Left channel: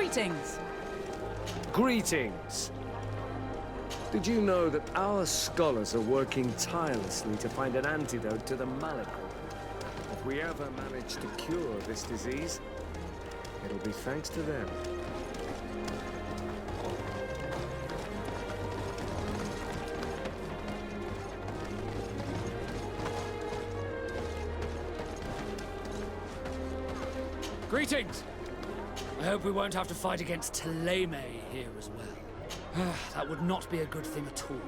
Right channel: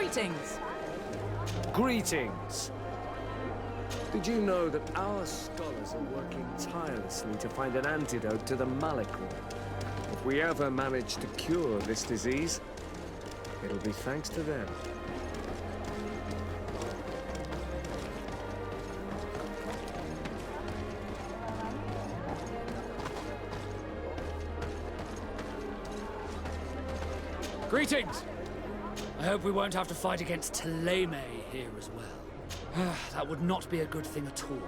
Greetings. Greetings. Did you know that our scholars are working tirelessly to find an antidote to the malady? If we ever manage to cure this disease, it'll be thanks to them. Greetings! I hope we won't have to fight against Teleme here as well. That would not be a good thing at all.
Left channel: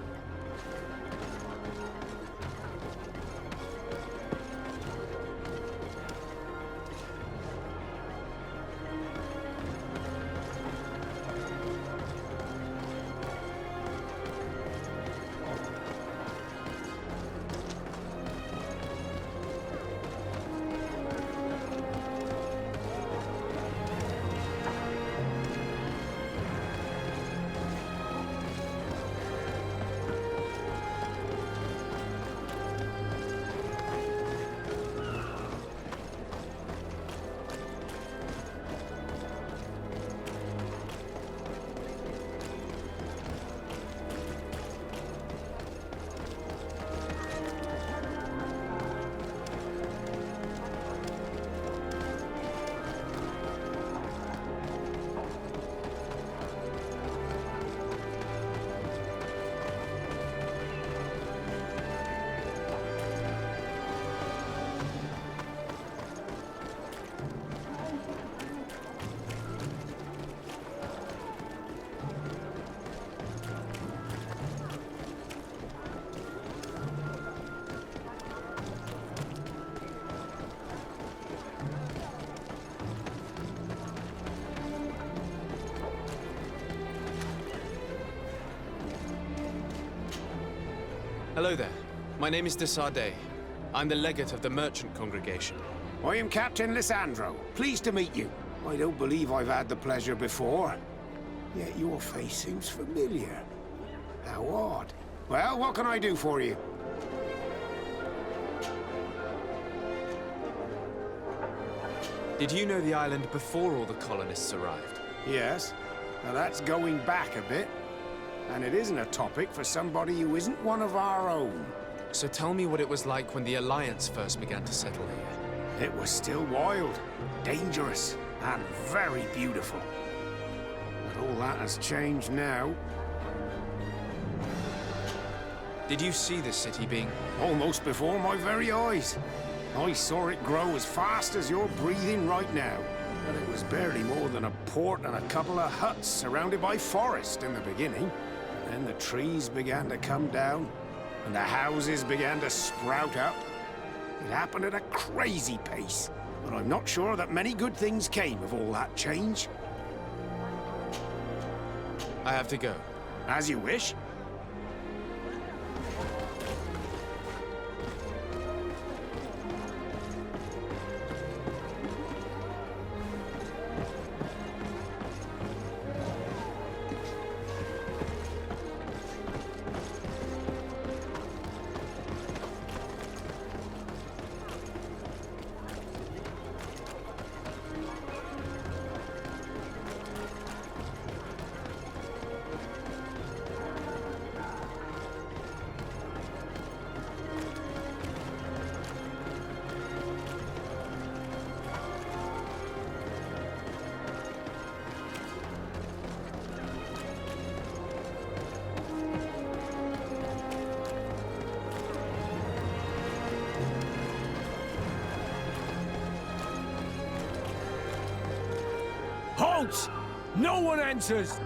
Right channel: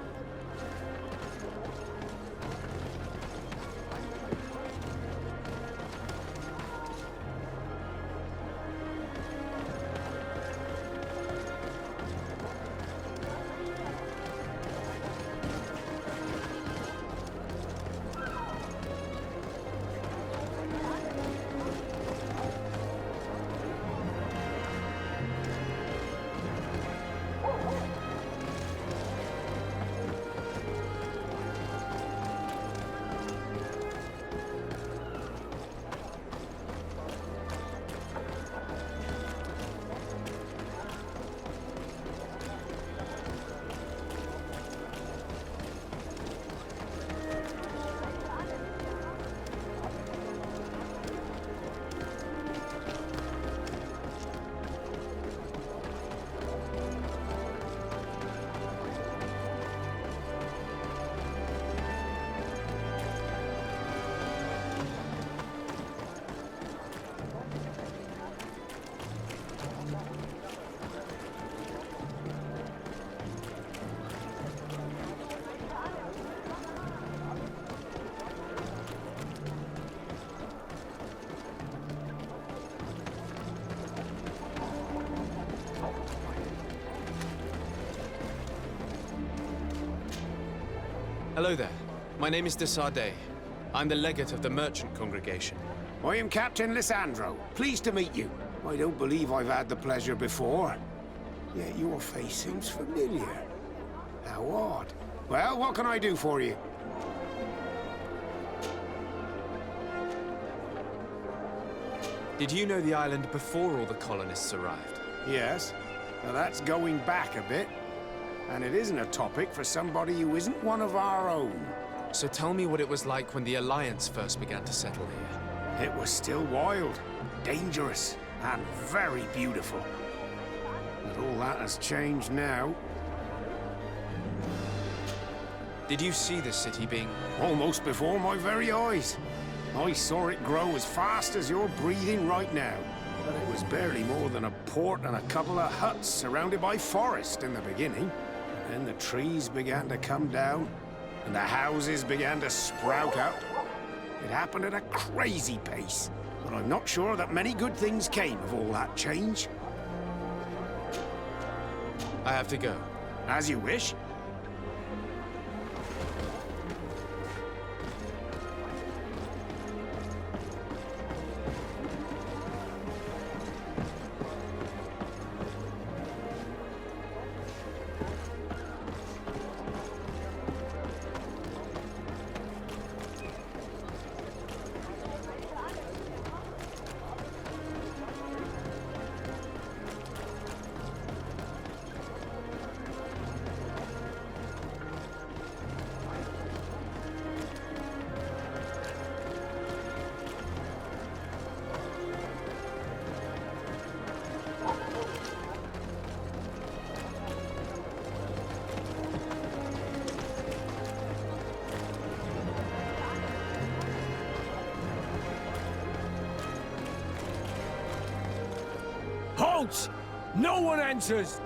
Hello there. My name is Desardet. I'm the legate of the merchant congregation. I am Captain Lissandro. Pleased to meet you. I don't believe I've had the pleasure before. Yet your face seems familiar. How odd. Well, what can I do for you? Did you know the island before all the colonists arrived? Yes. Now that's going back a bit. And it isn't a topic for somebody who isn't one of our own. So tell me what it was like when the Alliance first began to settle here. It was still wild, dangerous, and very beautiful. But all that has changed now. Did you see the city being... Almost before my very eyes. I saw it grow as fast as you're breathing right now. But it was barely more than a port and a couple of huts surrounded by forest in the beginning. And then the trees began to come down, and the houses began to sprout up. It happened at a crazy pace, but I'm not sure that many good things came of all that change. I have to go. As you wish. Halt! No one enters!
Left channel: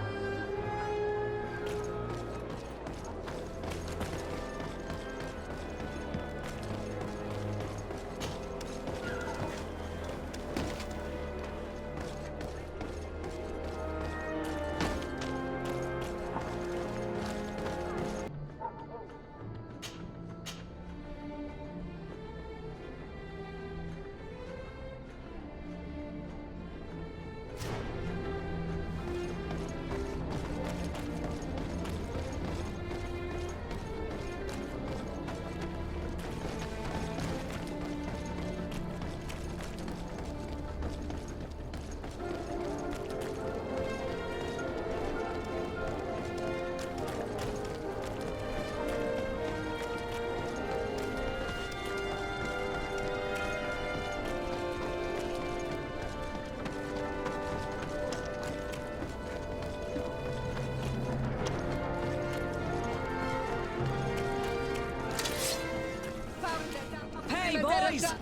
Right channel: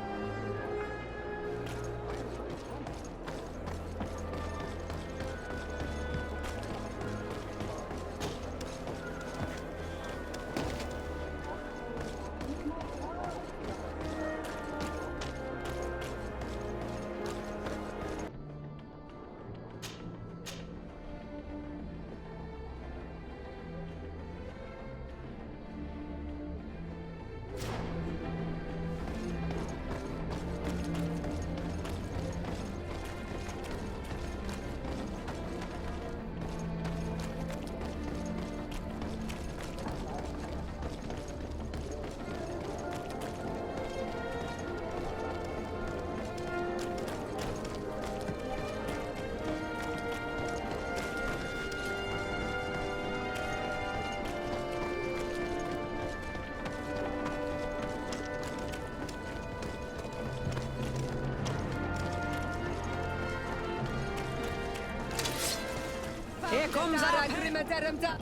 Please!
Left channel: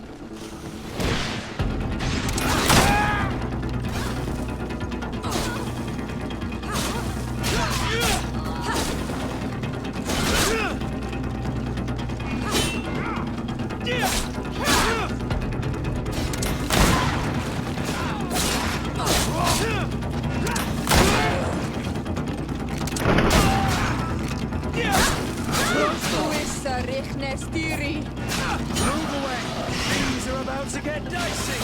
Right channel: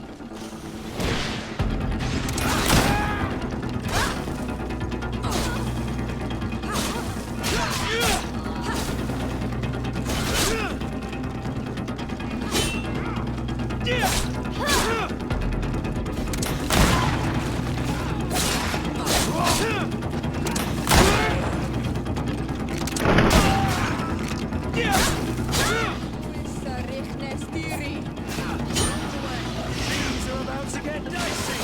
Things are about to get dicey!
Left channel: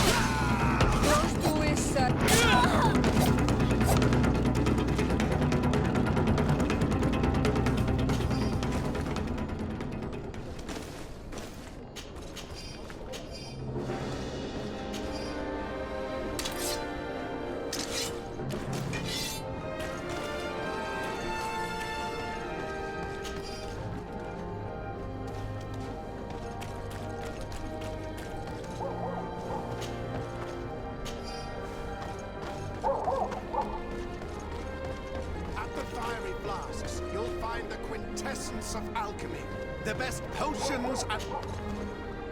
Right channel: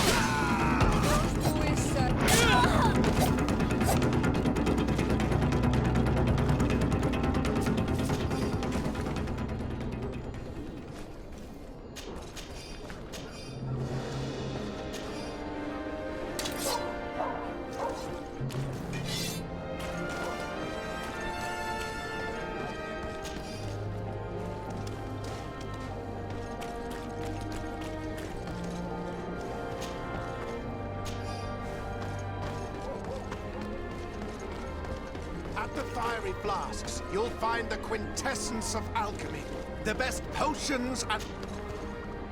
At the fiery flasks, you'll find the quintessence of alchemy. The best potions and...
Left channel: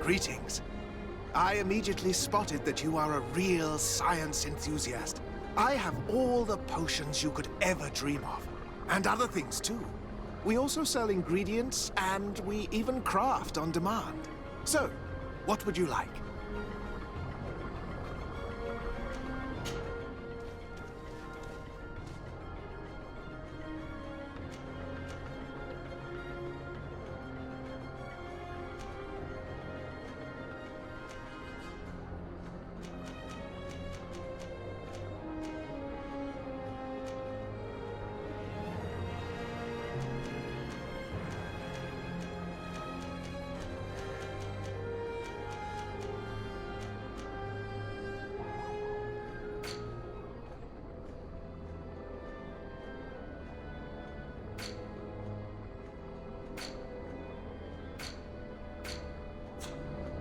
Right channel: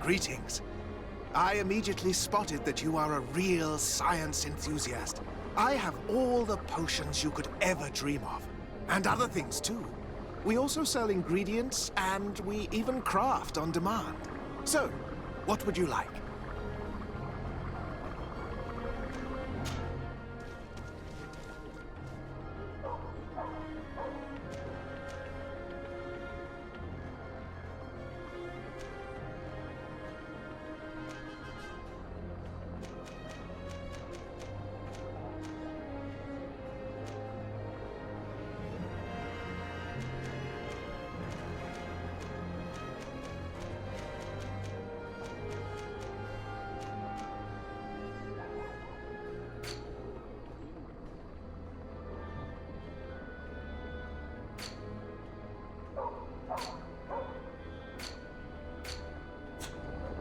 Greetings. I immediately spotted that you are a real science enthusiast. I have all the potions you could ever dream of. And other things too. We also sell ingredients, and we even craft on demand. So, what would you like?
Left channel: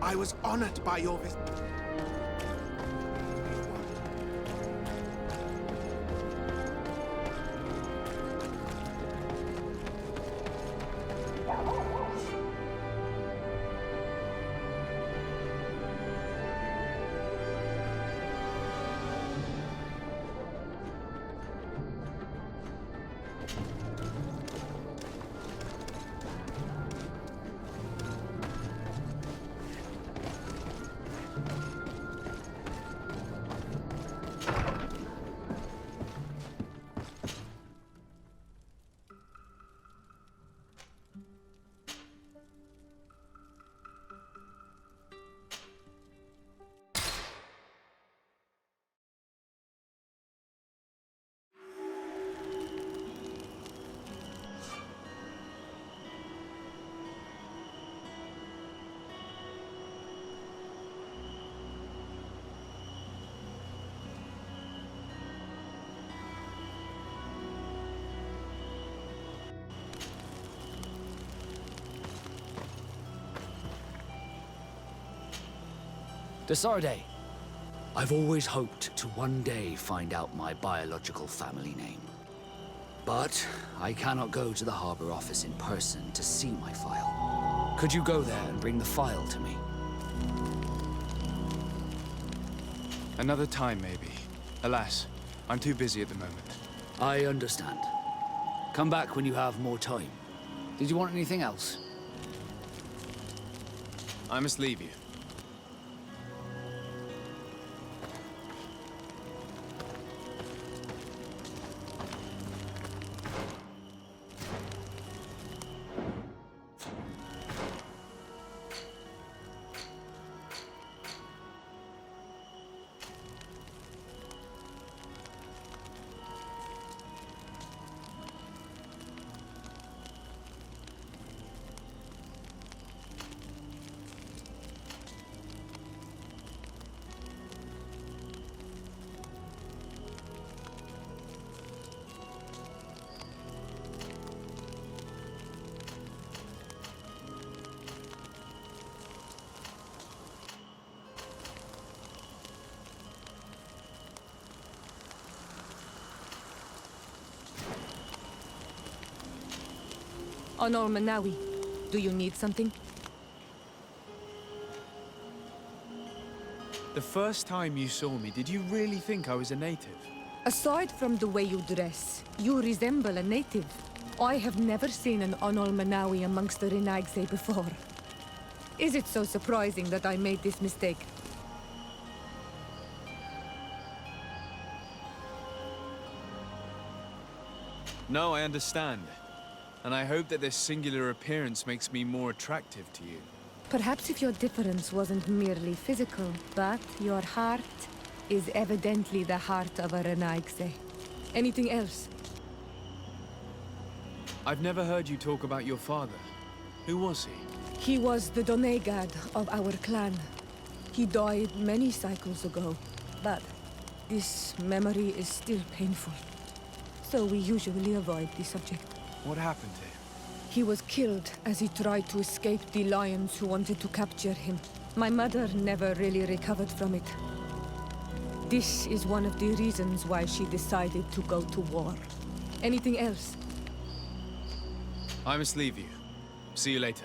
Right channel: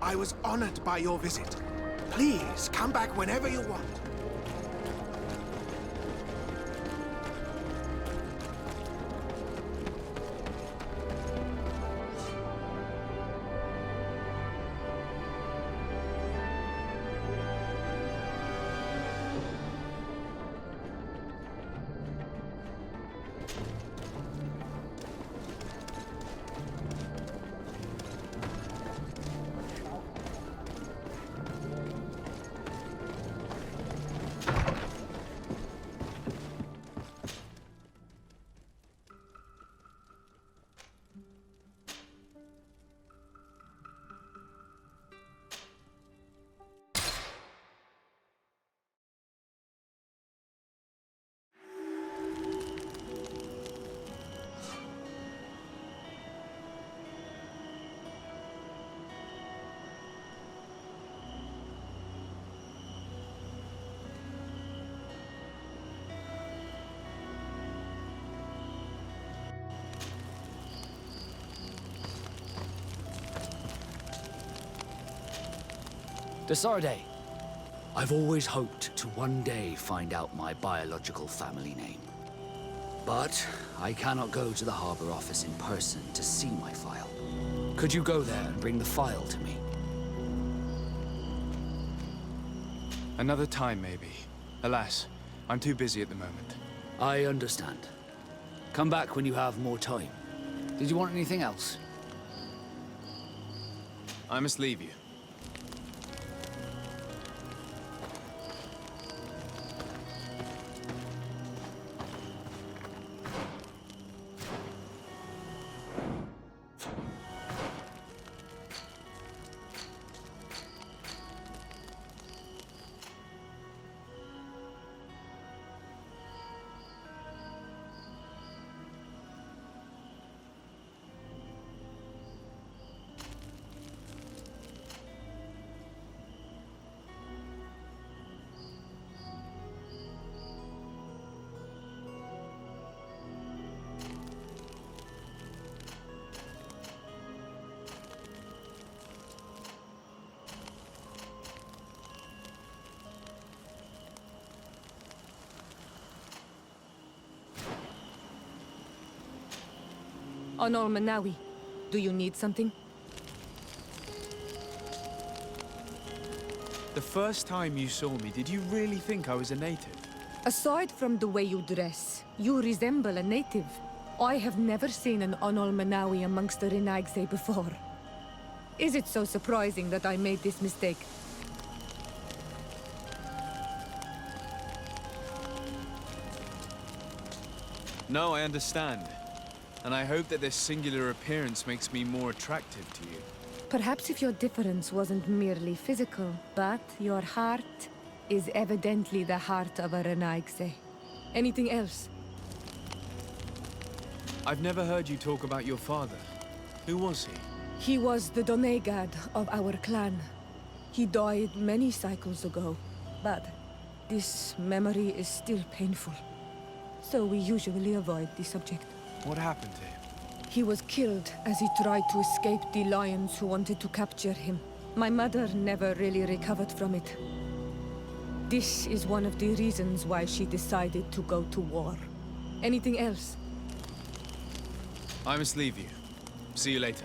I was honored by your visit. Please, come back whenever you want. Desarde, I've always hoped to one day find out my biological family name. But I cannot go to the harbor office in person to see my file. Could you go there and bring the file to me? Another time, maybe. Alas, I'm too busy at the moment. I understand. Come back when you have more time. Did you want anything else? I must leave you. Honor Manawi, do you need something? The first time you saw me, did you really think I was a native? Aside from the way you dress, you resemble a native. I have never seen an Onol Manawi amongst the Renaigse before. Is it so surprising that I made this mistake? No, I understand. And I hope that this singular appearance makes me more attractive to you. Perhaps if your difference wasn't merely physical, but your heart is evidently the heart of a Renaigse. Anything else? I've never heard you talk about your father. Who was he? He was the Donegad of our clan. He died many cycles ago, but this memory is still painful. So we usually avoid the subject. What happened to him? He was killed as he tried to escape the lions who wanted to capture him. My mother never really recovered from it. This is one of the reasons why she decided to go to war. Anything else? I must leave you. See you later.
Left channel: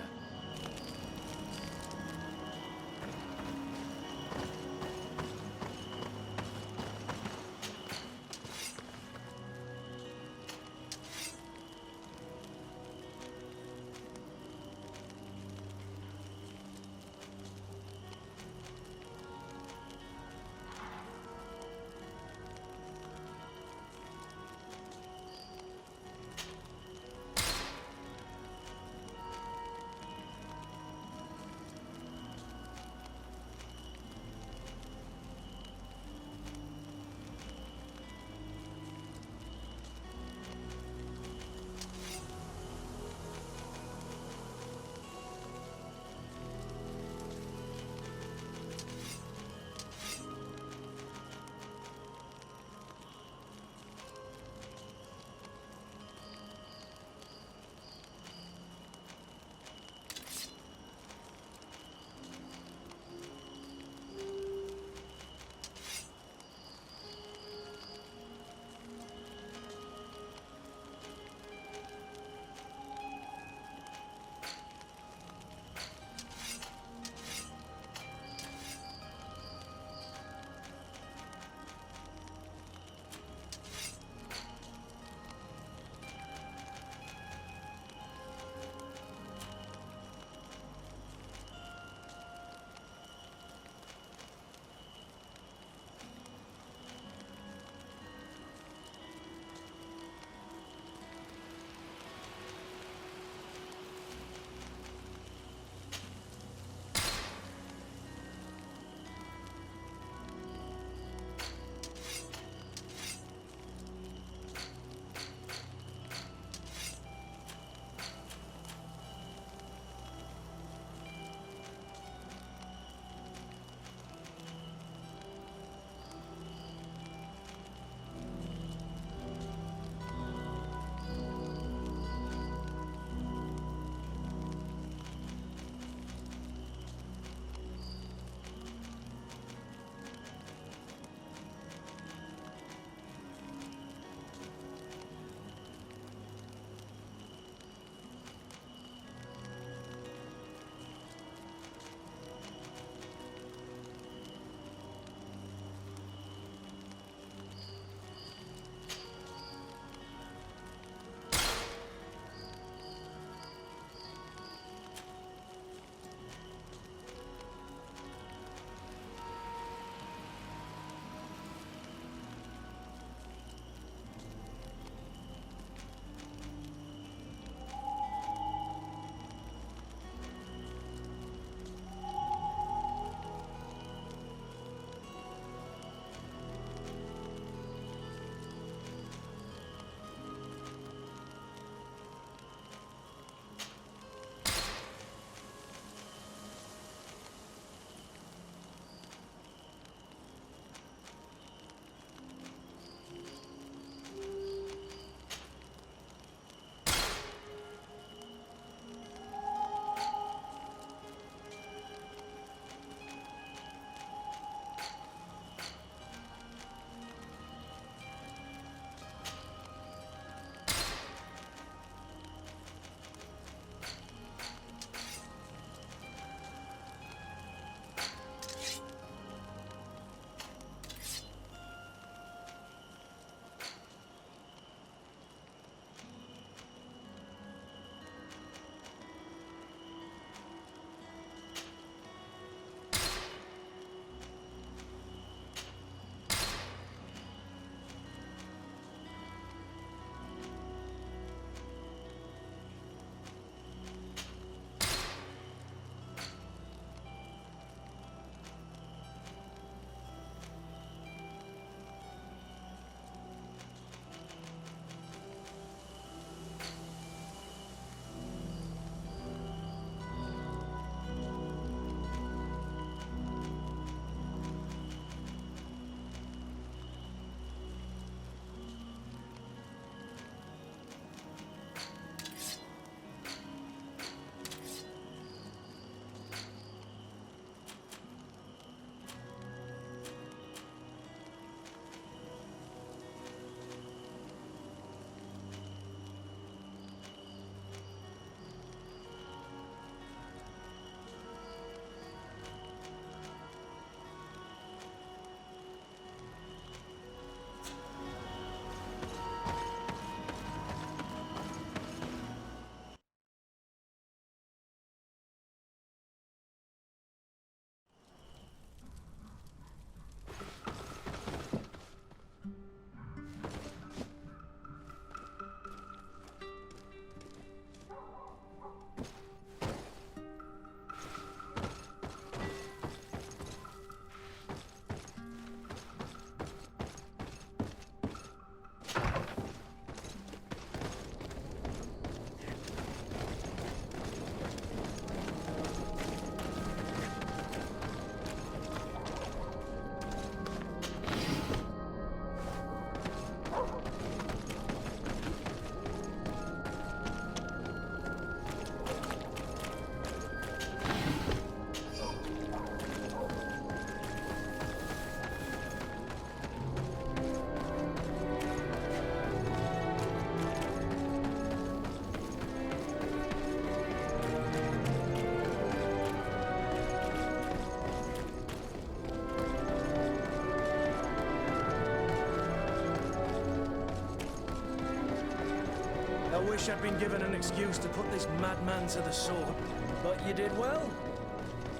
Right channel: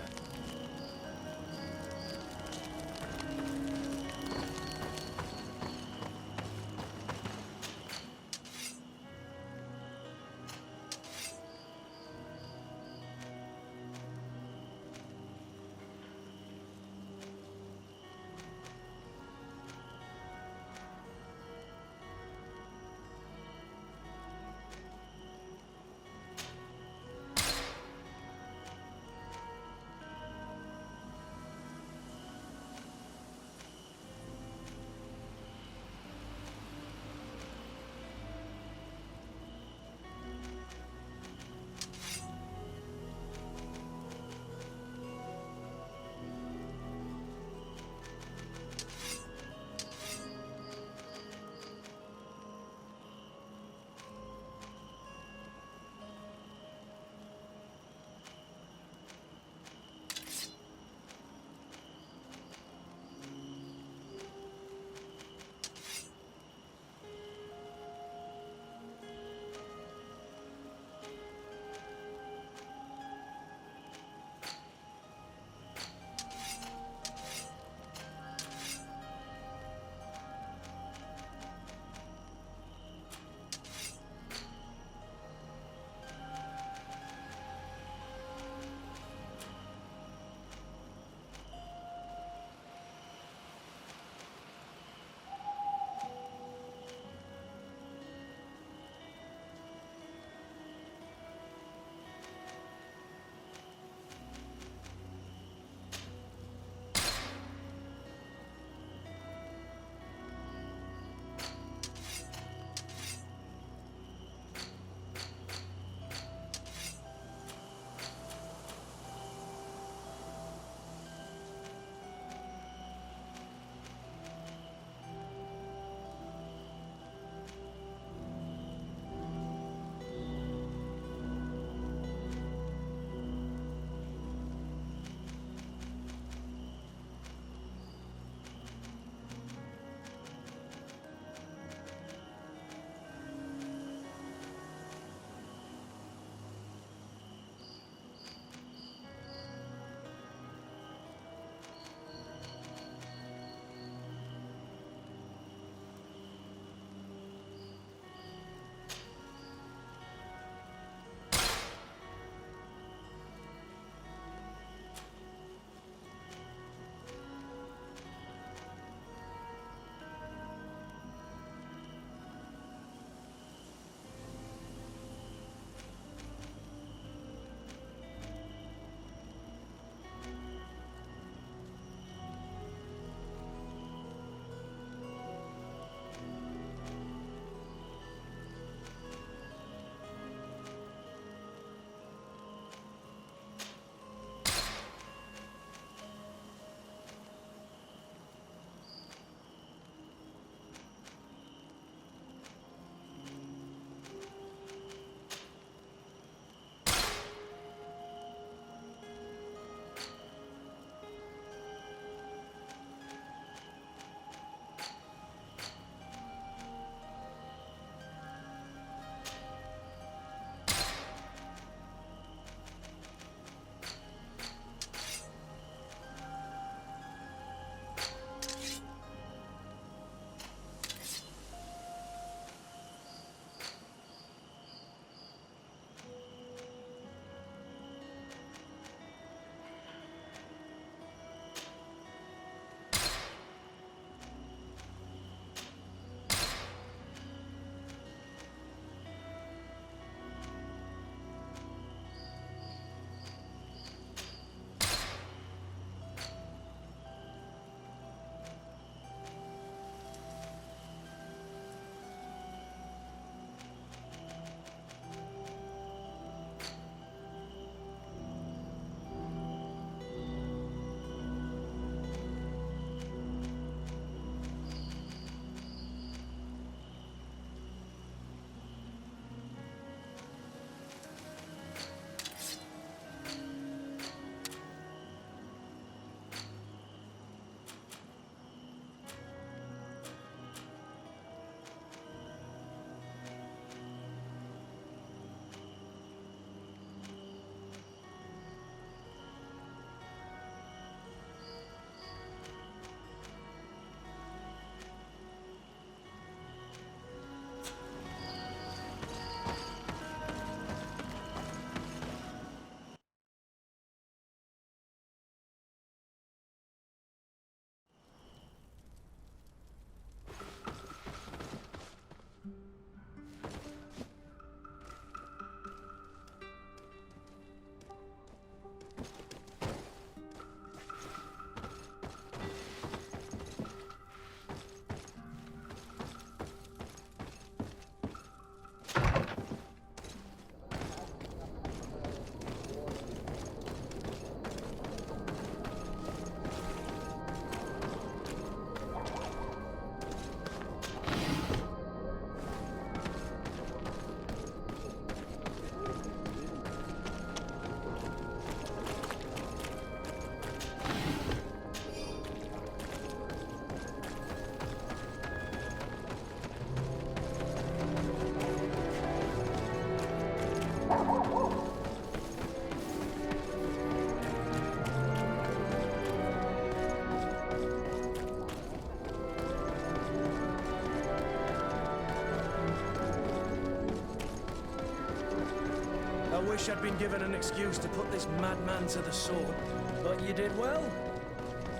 wish I'd been given an excuse to put this madman to the sword, but you did well.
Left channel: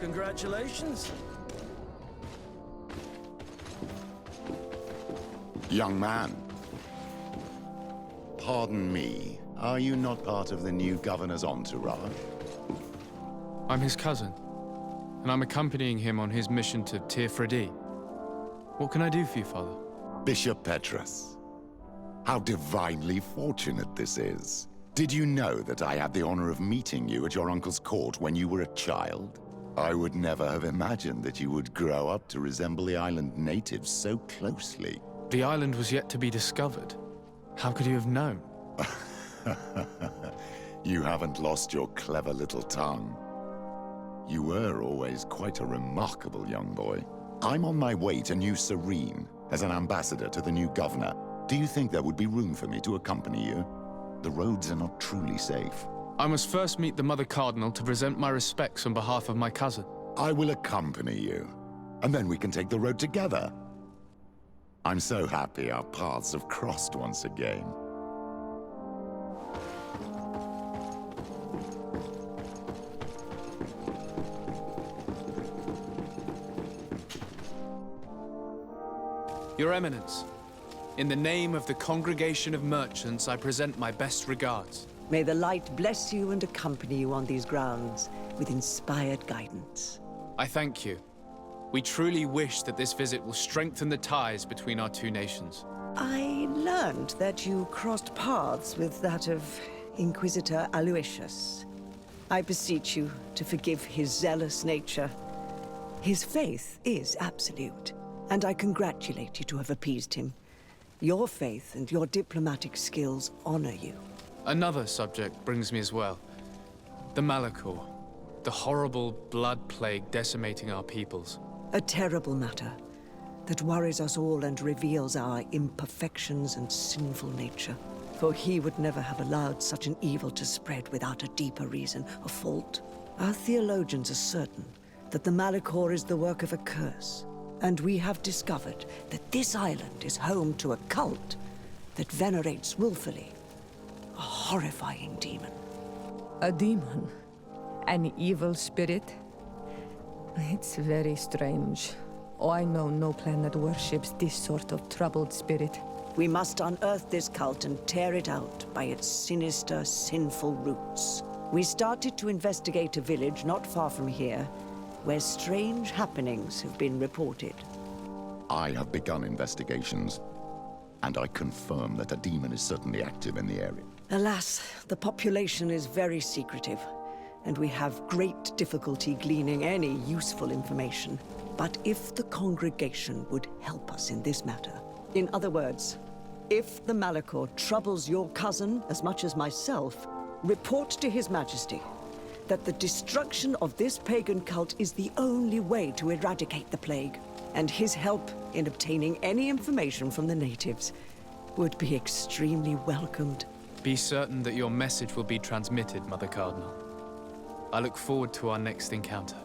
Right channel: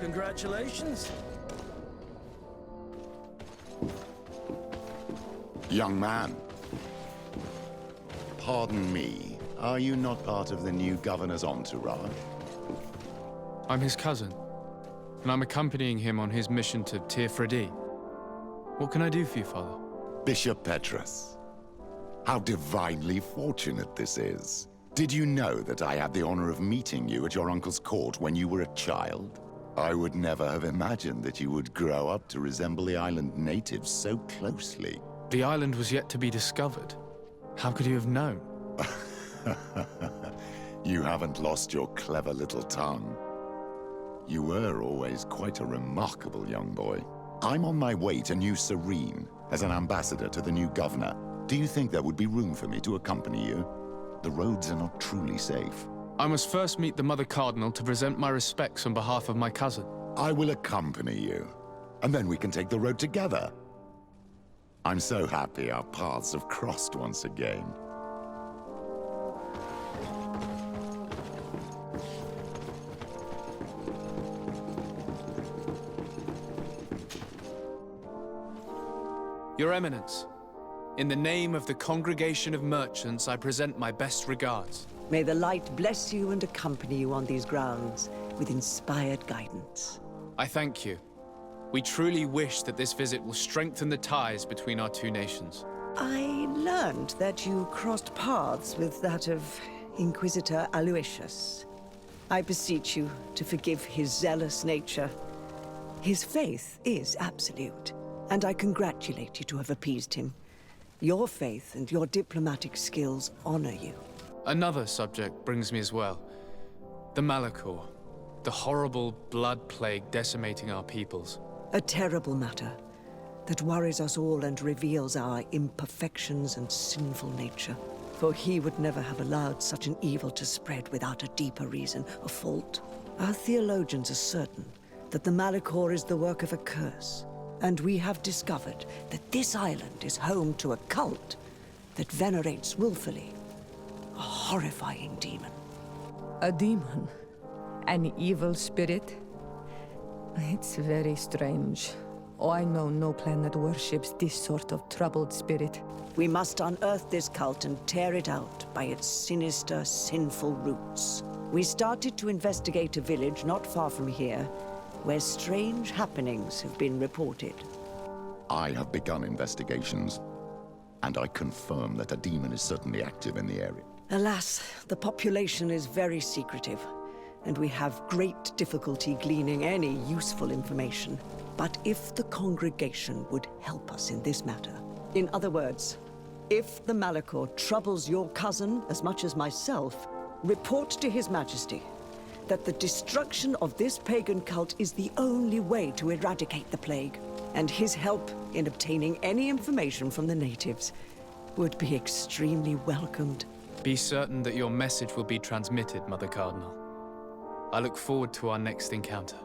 Congratulations. Young man. Pardon me, are you not part of the new governor's entourage? I'm his cousin, and I'm accompanying him on his mission to Tir-Fredi. What can I do for you, Father? Bishop Petrus. How divinely fortunate this is. Did you know that I had the honor of meeting you at your uncle's court when you were a child? I would never have imagined that you would grow up to resemble the island natives so closely. The island was yet to be discovered. How could you have known? You haven't lost your clever little tongue. You were always quite a remarkable young boy. I'm on my way to New Serene as an ambassador to the new governor. Do you think there would be room for me to accompany you? The roads are not truly safe. I must first meet the Mother Cardinal to present my respects on behalf of my cousin. I will accompany you, and then we can take the road together. I'm so happy our paths have crossed once again. Your Eminence, in the name of the Congregation of Merchants, I present my best regards. May the light bless you and accompany you on these grounds with inspired guidance. I thank you. We truly wish that this visit will strengthen the ties between our two nations. I learned that you crossed paths with that of Inquisitor Aloysius. I beseech you to forgive his zealous nature. His faith is absolute, and I congratulate you to have appeased him. Your faith and your diplomatic skills honor you. Another subject brings me as well. The Malachor. The horrible blood plague decimating our peoples. A terrible matter that worries us all and reveals our imperfections and sinful nature. For he would never have allowed such an evil to spread without a deeper reason, a fault. Our theologians are certain that the Malachor is the work of a curse. And we have discovered that this island is home to a cult that venerates willfully a horrifying demon. A demon? An evil spirit? It's very strange. Oh, I know no planet worships this sort of troubled spirit. We must unearth this cult and tear it out by its sinister, sinful roots. We started to investigate a village not far from here, where strange happenings have been reported. I have begun investigations, and I confirm that a demon is certainly active in the area. Alas, the population is very secretive, and we have great difficulty gleaning any useful information. But if the congregation would help us in this matter, in other words, if the Malachor troubles your cousin as much as myself, report to His Majesty that the destruction of this pagan cult is the only way to eradicate the plague, and his help in obtaining any information from the natives would be extremely welcomed. Be certain that your message will be transmitted, Mother Cardinal. I look forward to our next encounter.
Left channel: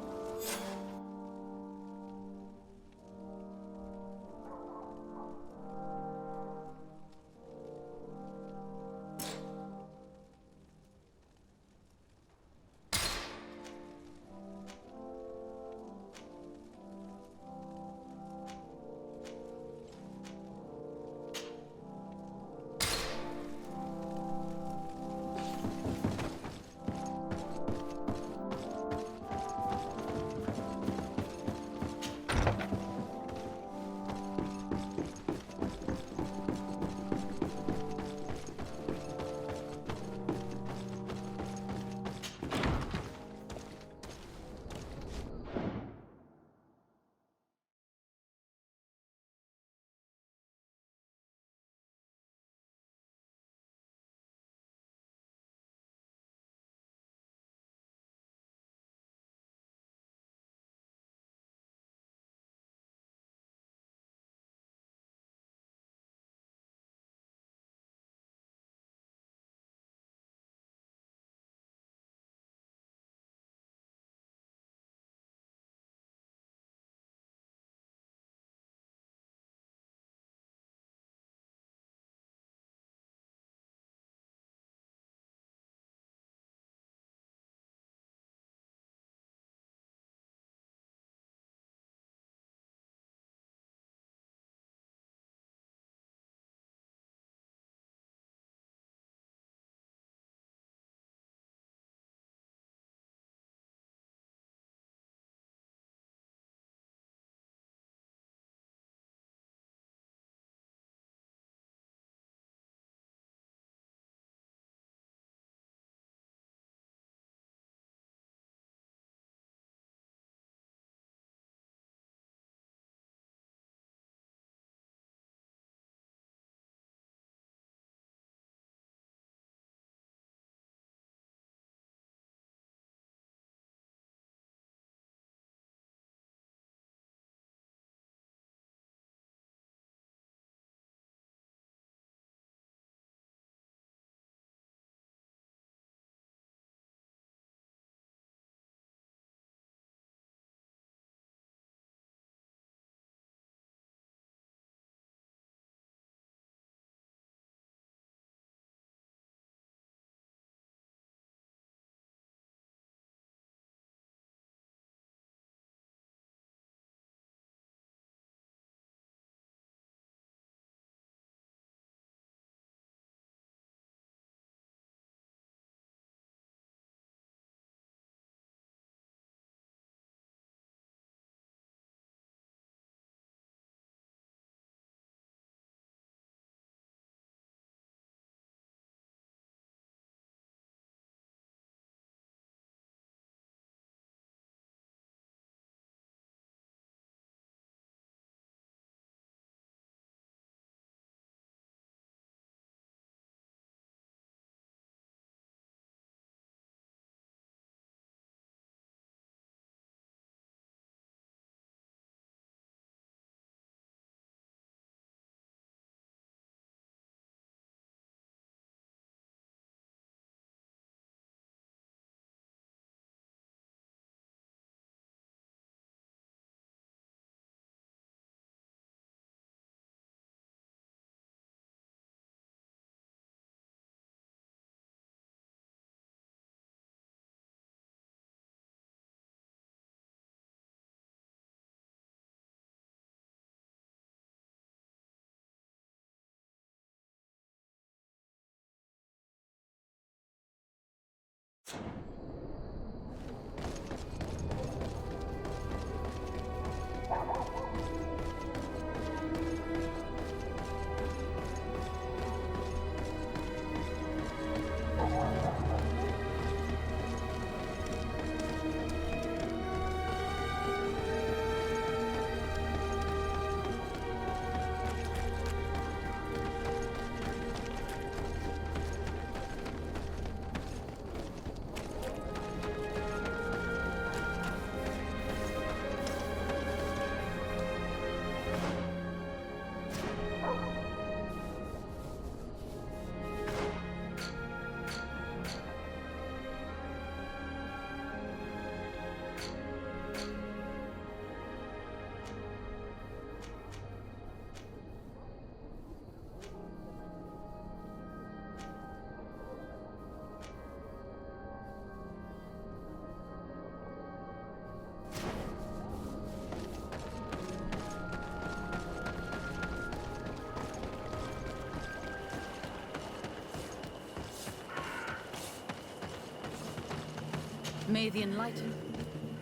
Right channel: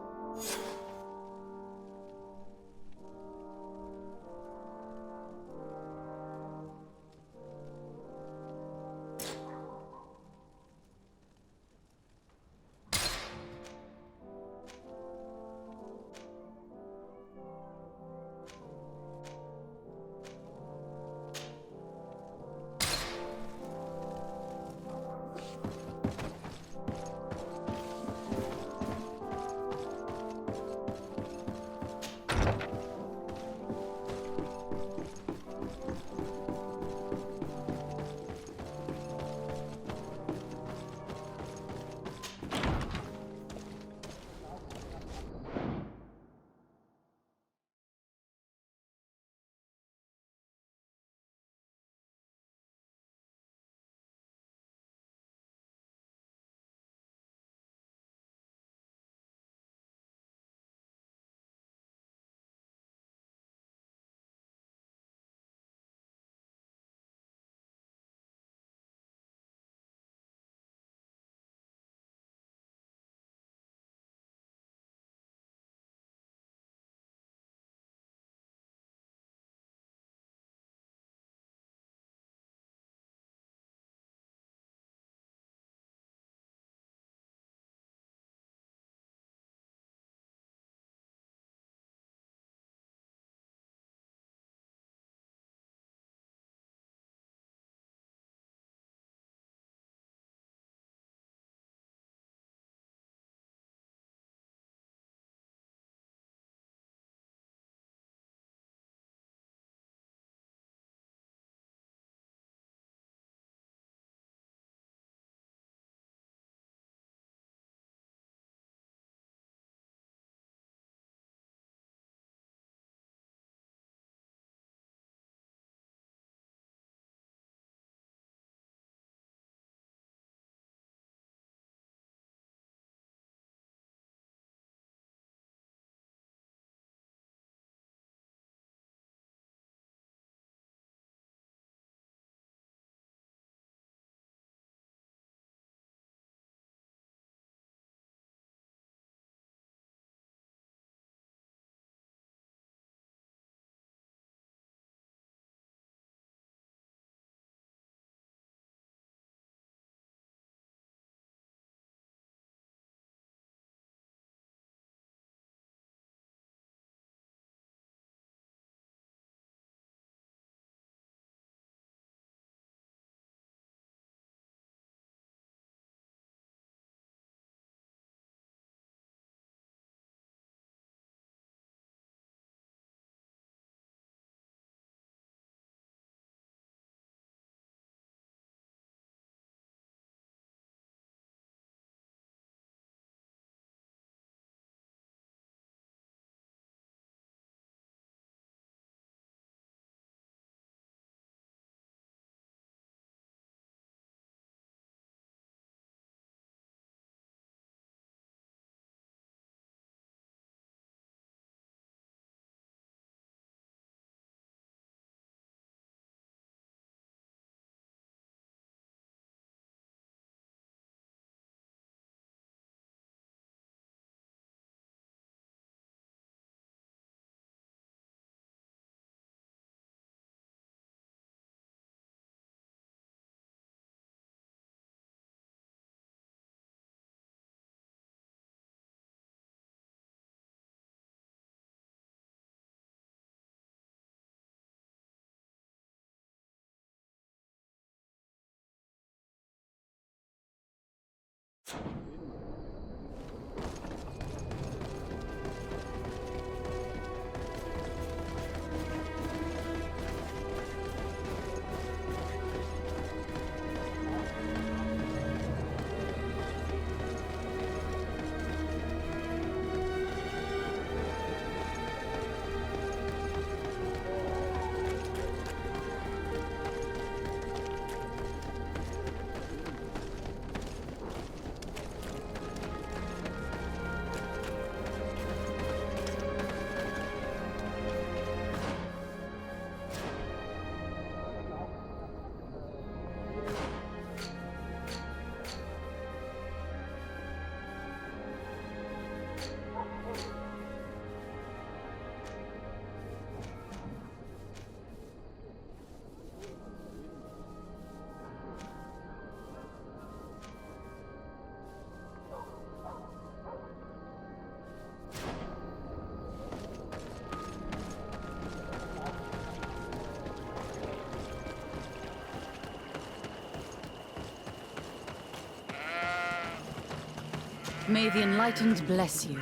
May the Enlightened bless you.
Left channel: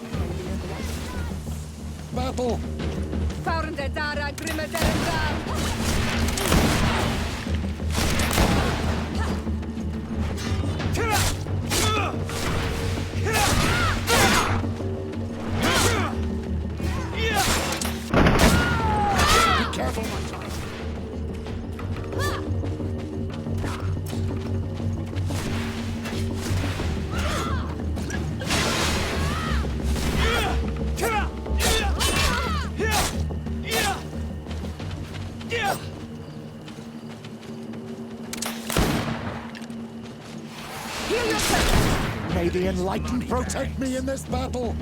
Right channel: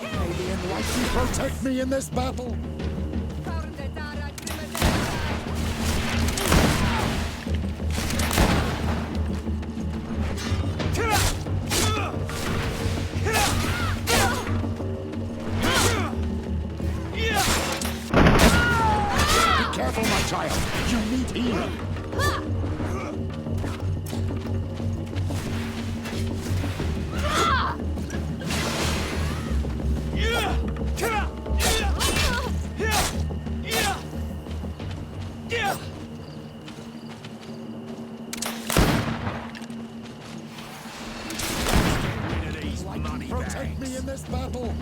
May the Enlightened protect me in this battle! Be careful, my child. You need healing. May the Enlightened protect me in this battle!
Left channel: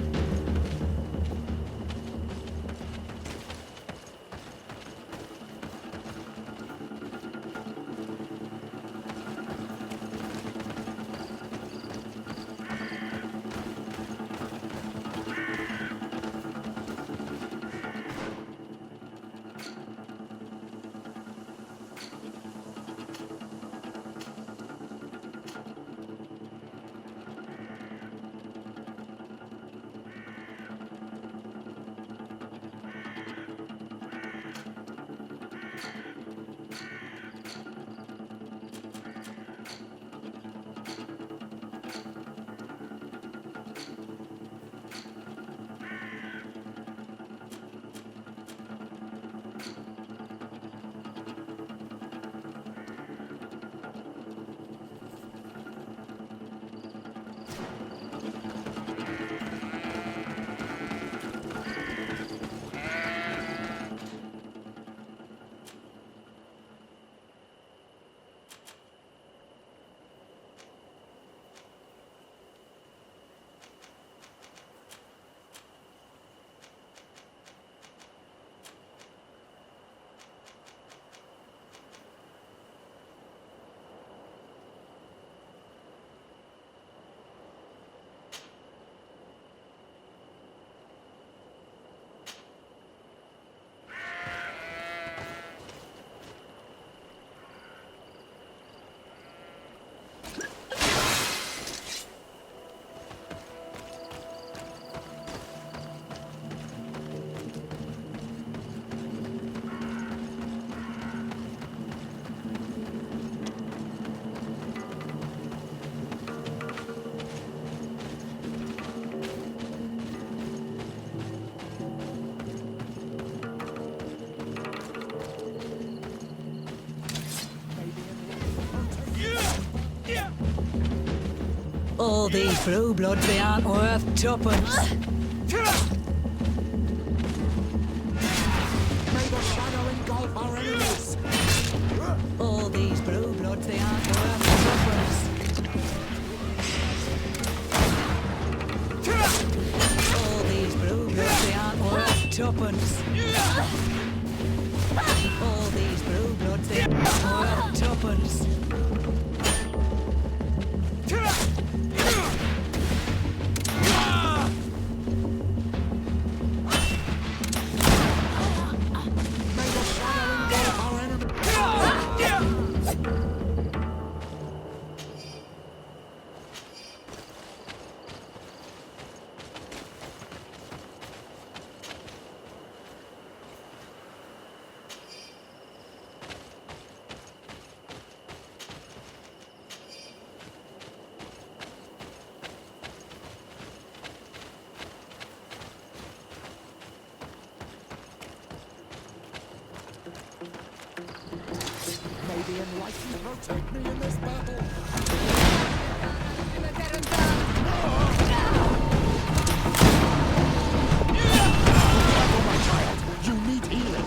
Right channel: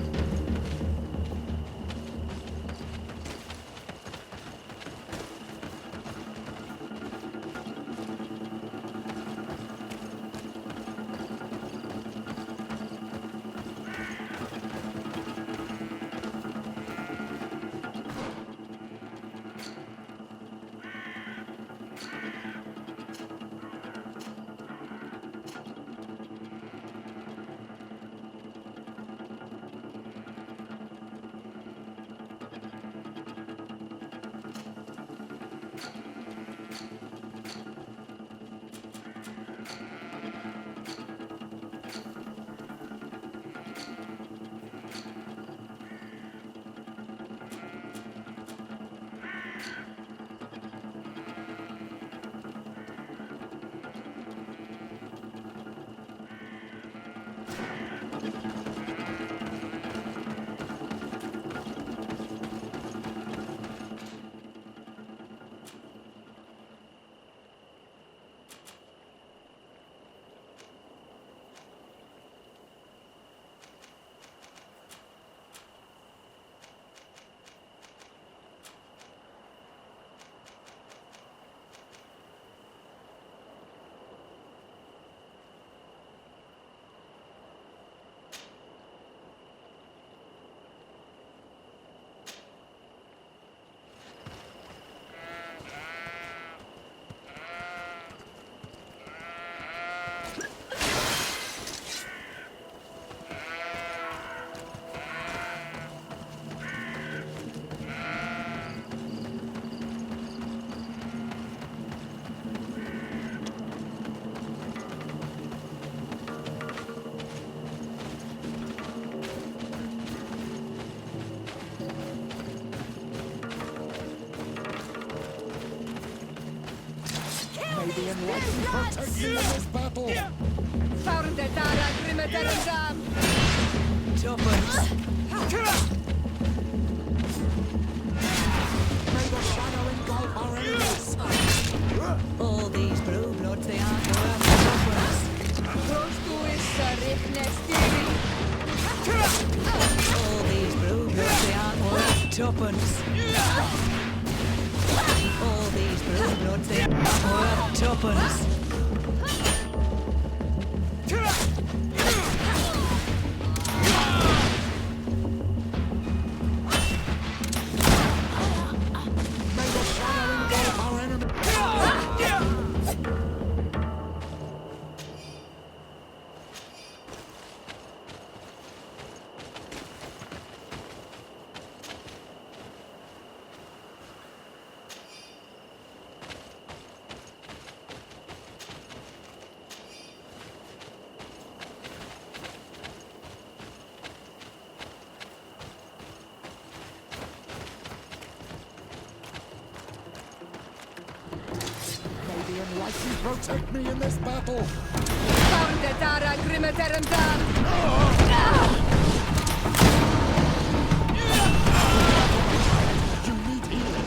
All these blue bloods, they aren't worth tuppence. May the shadow engulf our enemies! All these blue bloods, they aren't worth tuppence. All these blue bloods, they aren't worth tuppence. All these blue bloods, they aren't worth tuppence. protect me in this battle! You need healing!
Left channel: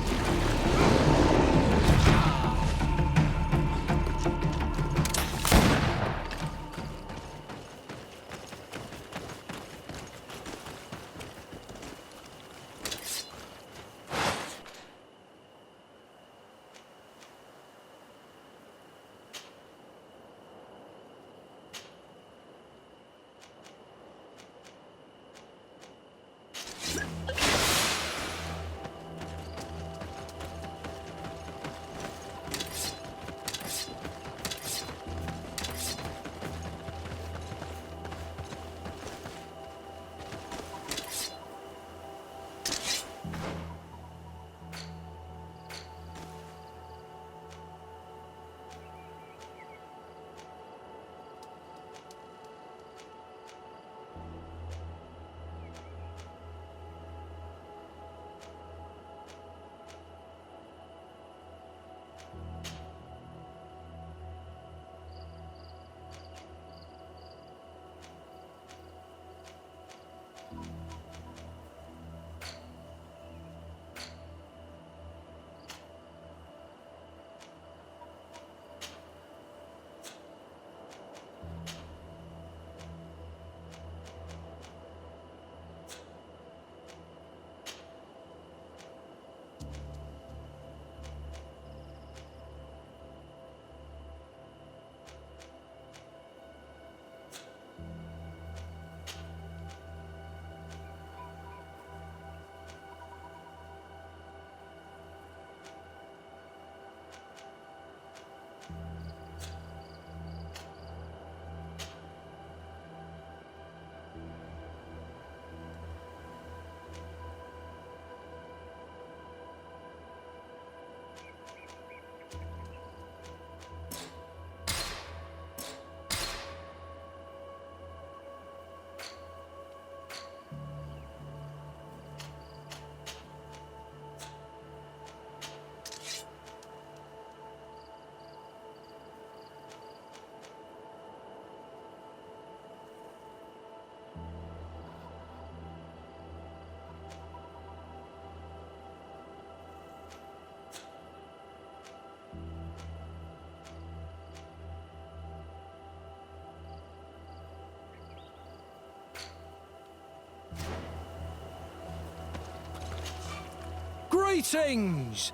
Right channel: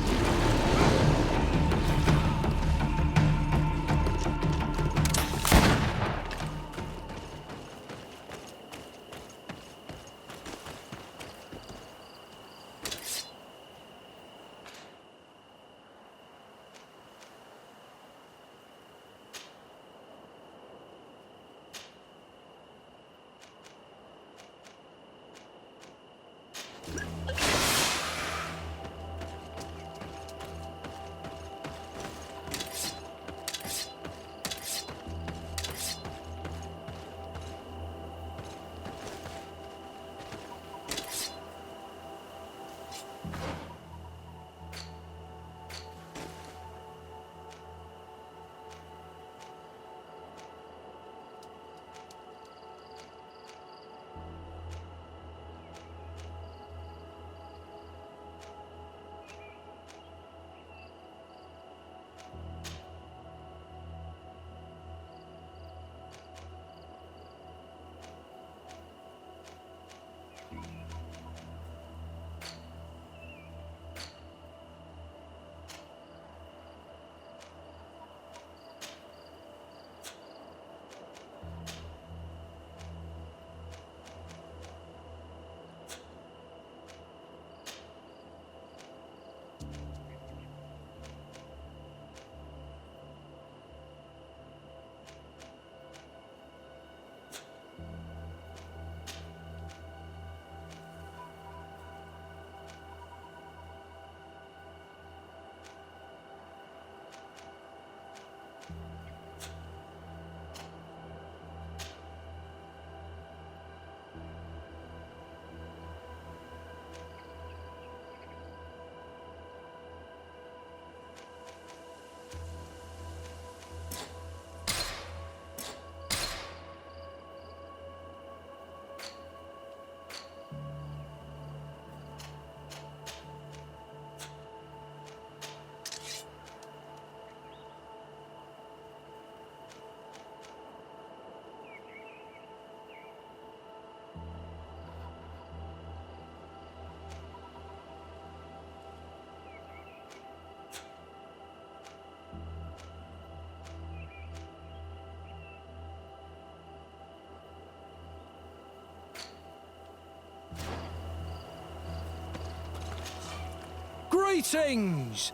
Greetings!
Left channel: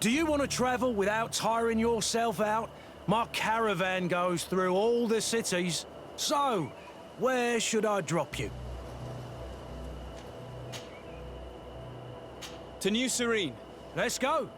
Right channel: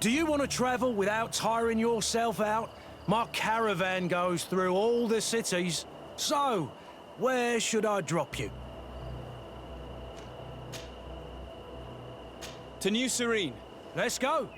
Do you want to travel without tiring yourself out? My caravan goes through all the cities. So, where should I drop you? To New Serene. Let's go!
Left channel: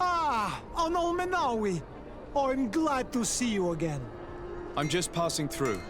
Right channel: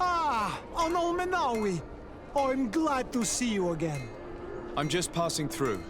Ah, Onol Menawi. I'm glad to see you again. I'm just passing through.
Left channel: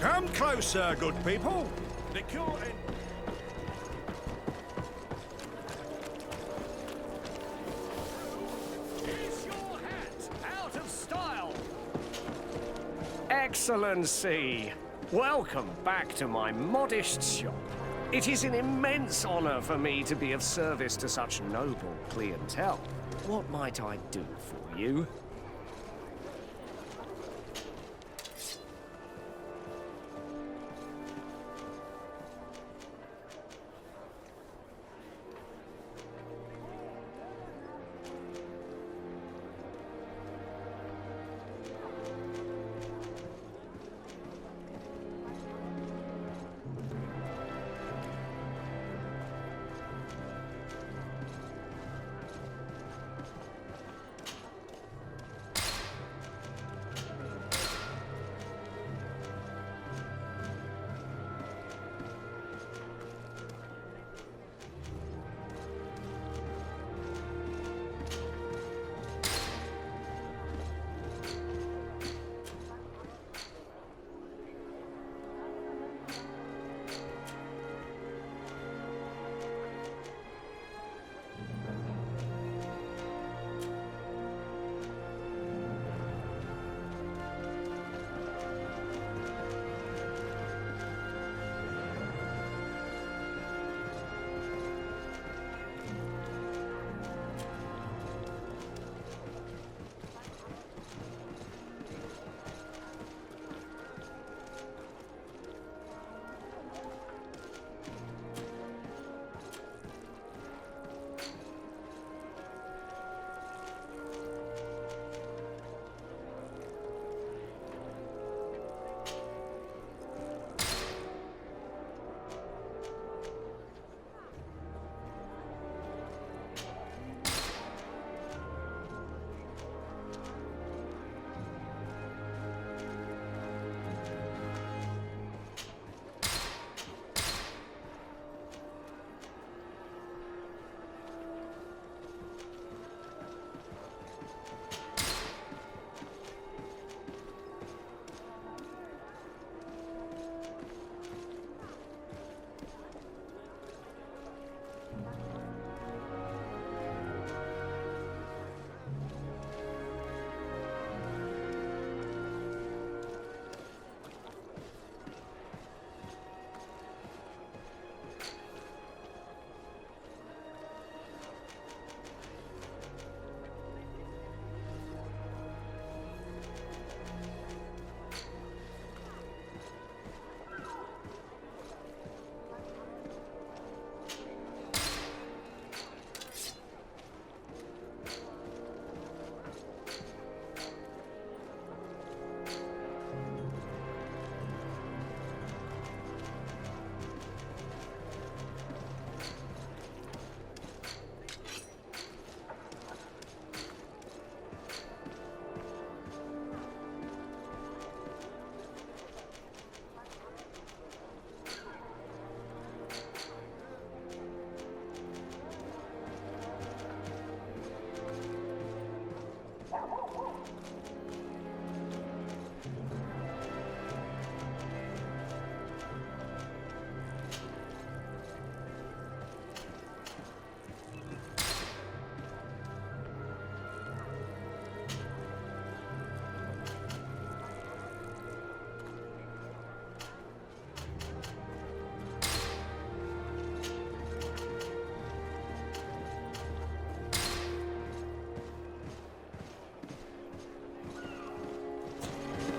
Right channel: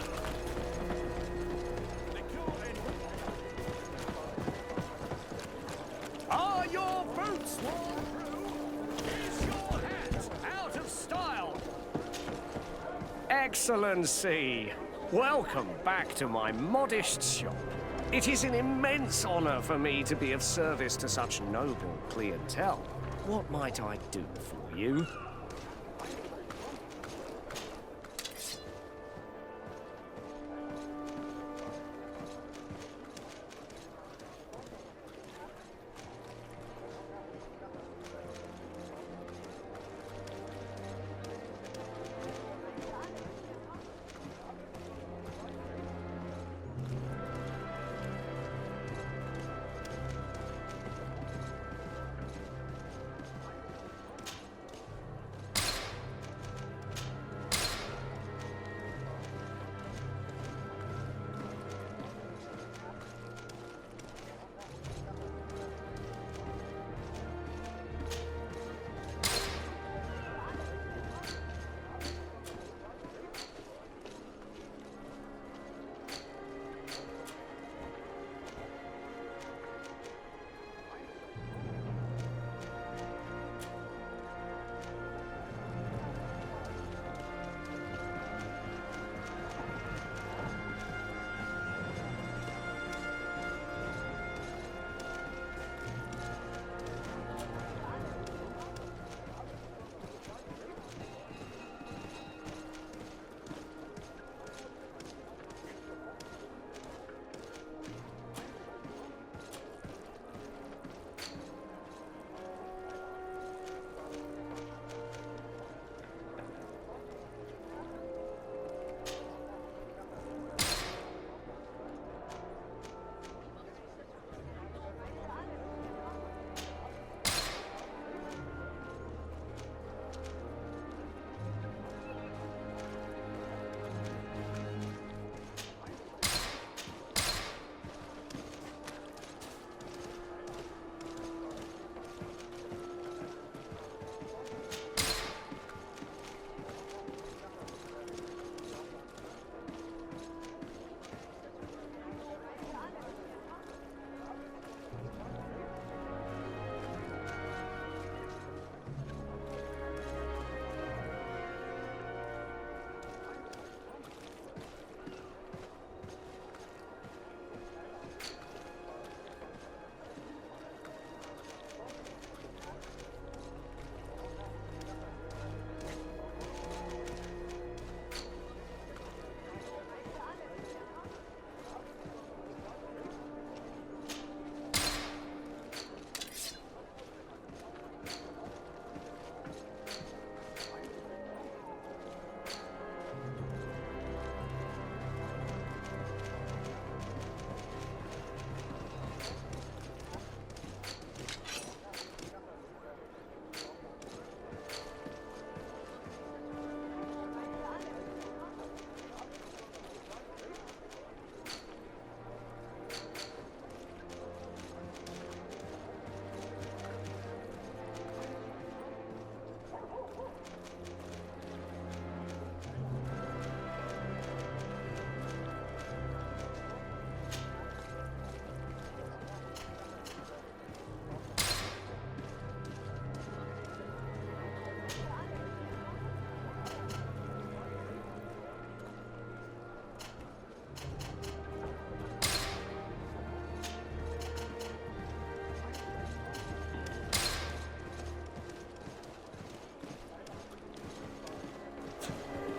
Come closer, good people. The cure in... Are your boots worn through? Excellency! Welcome back to my modest shop. It is an immense honor for me to be of service to such noble clientele. What might I do for you?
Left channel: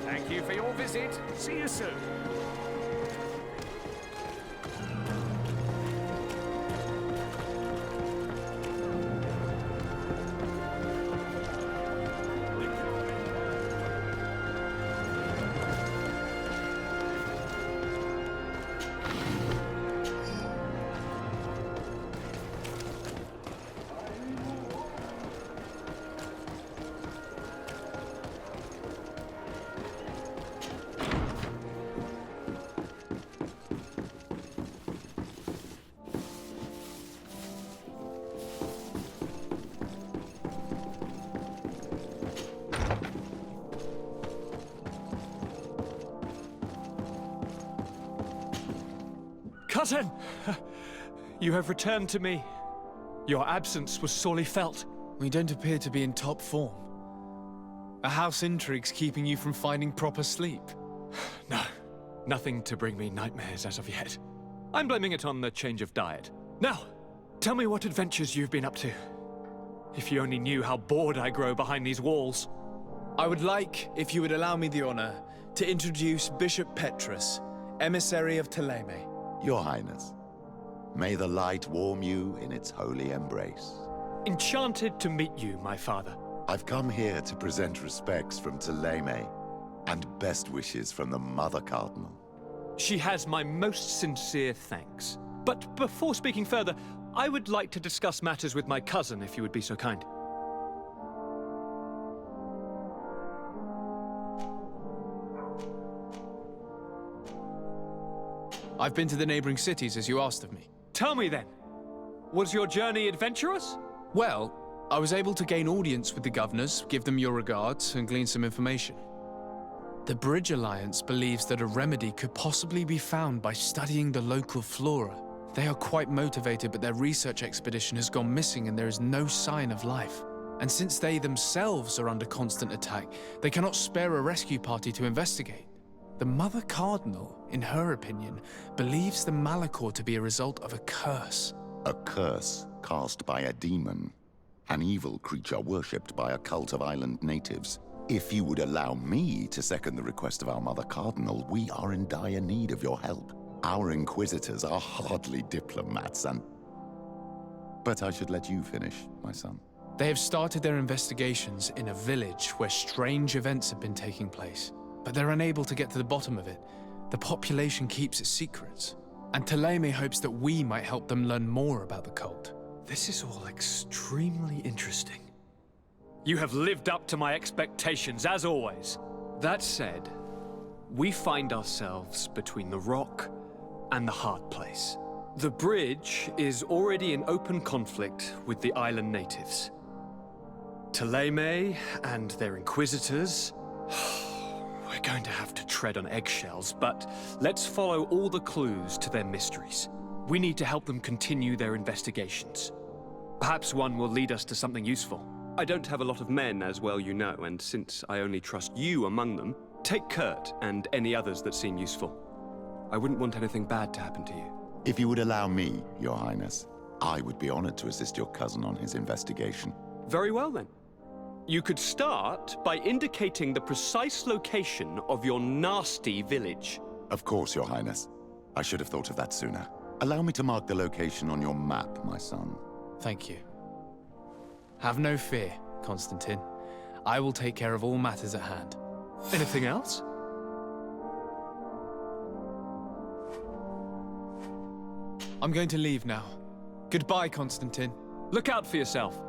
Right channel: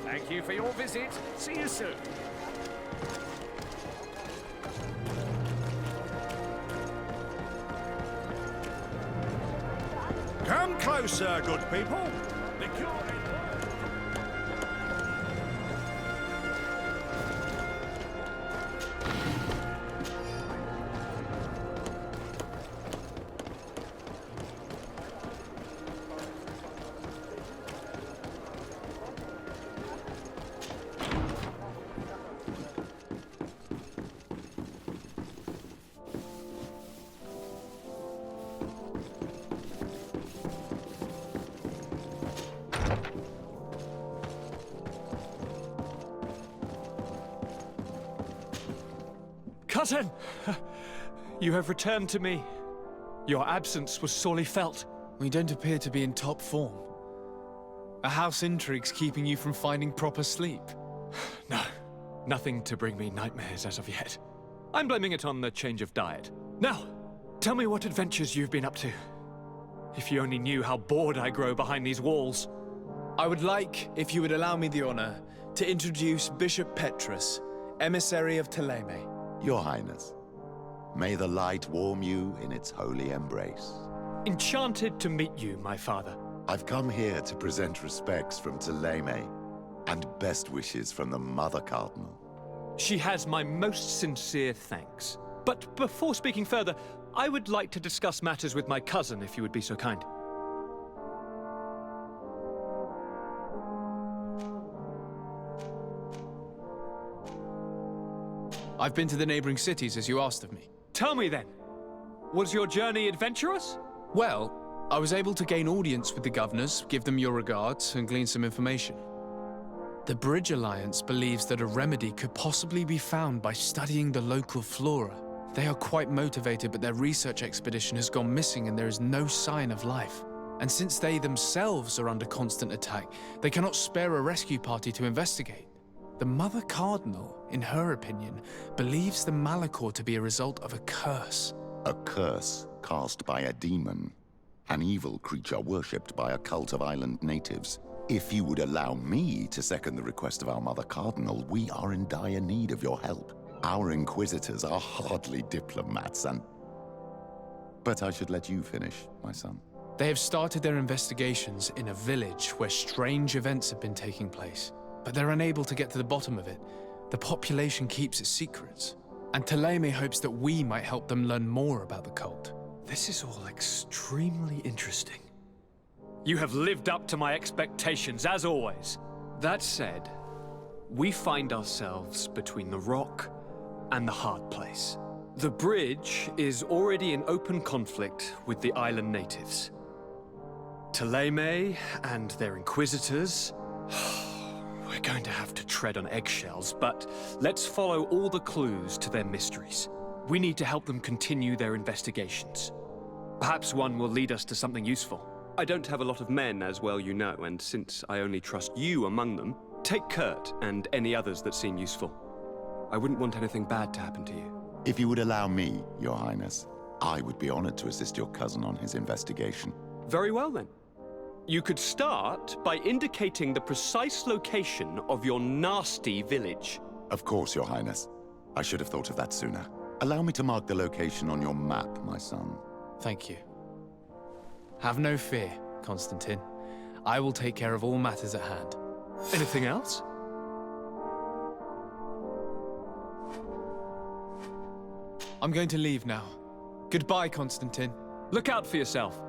Thank you for your visit. See you soon. Come closer, good people. The cure ain't worth. Cousin! You have returned to me. Your absence was sorely felt. We don't appear to be in top form. A house intrigue's keeping you from finding proper sleep? No, nothing to bring me nightmares as of yet. I'm blaming it on the change of diet. Now, tell me what adventures you've been up to. If you only knew how bored I grow behind these walls. I would like, if you would allow me the honor, to introduce Bishop Petrus, emissary of Ptolemy. Your Highness, may the light warm you in its holy embrace. Enchanted to meet you, my father. I've come here to present respects from Ptolemy, and best wishes from the Mother Cardinal. She has my most sincere thanks. But before speaking further, I would like to discuss matters with my cousin, if you would be so kind. I've been to the neighboring cities, as you asked of me. Tell me then, was your journey adventurous? Well, I was able to gain audience with the governors, give them your regards, and glean some information. The Bridge Alliance believes that a remedy could possibly be found by studying the local flora. They are quite motivated, but their research expedition has gone missing and there is no sign of life. And since they themselves are under constant attack, they cannot spare a rescue party to investigate. The Mother Cardinal, in her opinion, believes the Malachor to be a result of a curse. A curse cast by a demon. An evil creature worshipped by a cult of island natives. If you would allow me to second the request of our Mother Cardinal, we are in dire need of your help. Our inquisitors are hardly diplomats and... But I should let you finish, my son. They have started their investigations in a village where strange events have been taking place, but they're unable to get to the bottom of it. The population keeps its secrets, and Ptolemy hopes that we might help them learn more about the cult. This is all extremely interesting. You have lived up to my expectations, as always. That said, we find ourselves between the rock and the hard place. The bridge is already in open conflict with the island natives. Ptolemy and their inquisitors... We're going to have to tread on eggshells, but let's follow all the clues to their mysteries. We need to help them continue their investigations. Perhaps one will lead us to something useful. I don't have a lot of men, as well you know, and since I only trust you among them, take Kurt and any others that seem useful. I wouldn't want anything bad to happen to you. If you would allow me, Your Highness, I would be honored to assist your cousin on his investigation. Very well, then. You could start by indicating the precise location of your nasty village. Of course, Your Highness. I should have thought of that sooner. Allow me to mark the location on your map, my son. Thank you. Have no fear, Constantine. I will take care of all matters at hand. Anything else? I'm going to leave now. Goodbye, Constantine. Look out for yourself.